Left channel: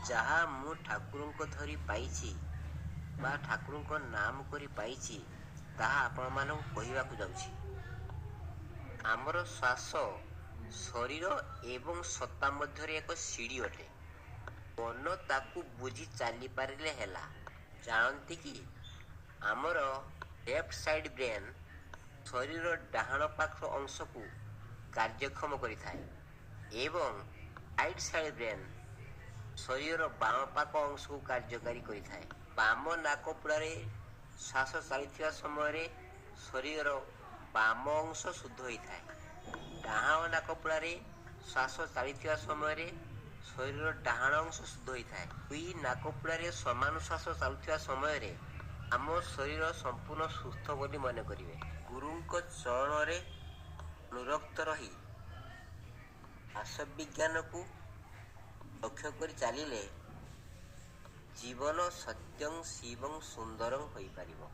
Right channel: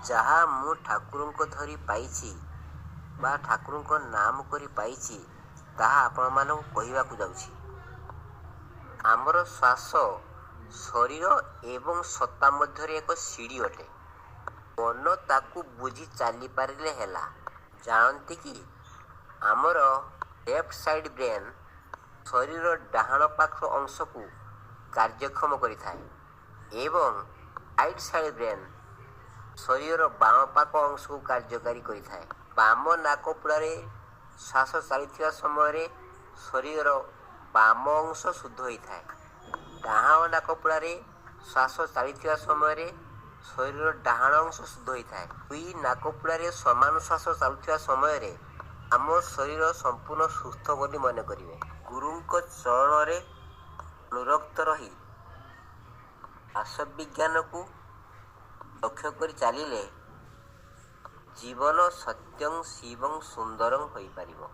ଯାହା ମୁଁ ଠାକୁରଙ୍କ ଧରି ପାଇଛି ବା ଠାକୁରଙ୍କ ନାମ କରି ପାଇଛି ତାହା ଆପଣମାନଙ୍କୁ କହିବାକୁ ଯାଉଛି। ଆମର ଶ୍ୱାସ ଶରୀର ଏବଂ ସତ୍ତା ମଧ୍ୟରେ ଏକ ସିଡ଼ି ଅଟେ। ମନ ତାକୁ ବୁଝି ଚାଲିପାରିଲେ ହେଲା। ଜାଣନ୍ତି କି ଆମର ଲେଫ୍ଟ ସାଇଡ୍ ବ୍ରେନ୍ ଶରୀରର ଡାହାଣ ପାଖ ଅଂଶକୁ କାର୍ଯ୍ୟକ୍ଷମ କରିଥାଏ ଏବଂ ରାଇଟ୍ ସାଇଡ୍ ବ୍ରେନ୍ ଶରୀରର ବାମ ପାଖ ଅଂଶକୁ କାର୍ଯ୍ୟକାରୀ କରିଥାଏ। ବାମ ନାକପୁଡ଼ାରେ ଶ୍ୱାସ ଚାଲିଥିବା ସମୟରେ ଶରୀରର ବାମ ଅଂଶ ଶୁଦ୍ଧ ହୋଇଥାଏ। ଡାହାଣ ନାକପୁଡ଼ାରେ ଶ୍ୱାସ ଚାଲିଥିବା ସମୟରେ ଶରୀରର ଡାହାଣ ଅଂଶ ଶୁଦ୍ଧ ହୋଇଥାଏ। ଦୁଇ ନାକପୁଡ଼ାରେ ସମାନ ଶ୍ୱାସ ଚାଲୁଥିବା ସମୟରେ ଆମ ଶରୀର ସମ୍ପୂର୍ଣ୍ଣ ସୁସ୍ଥ ବୋଲି ମନେ କରିବେ। ଗୁରୁଙ୍କ ଚରଣରେ ଅନୁରକ୍ତ ରହି ଶ୍ୱାସବିଜ୍ଞାନକୁ ଲକ୍ଷ୍ୟ କରି ଚାଲିଲେ ଜୀବନ ସତ୍ୟଂ ଶିବଂ ସୁନ୍ଦରଂ ହୋଇପାରିବ।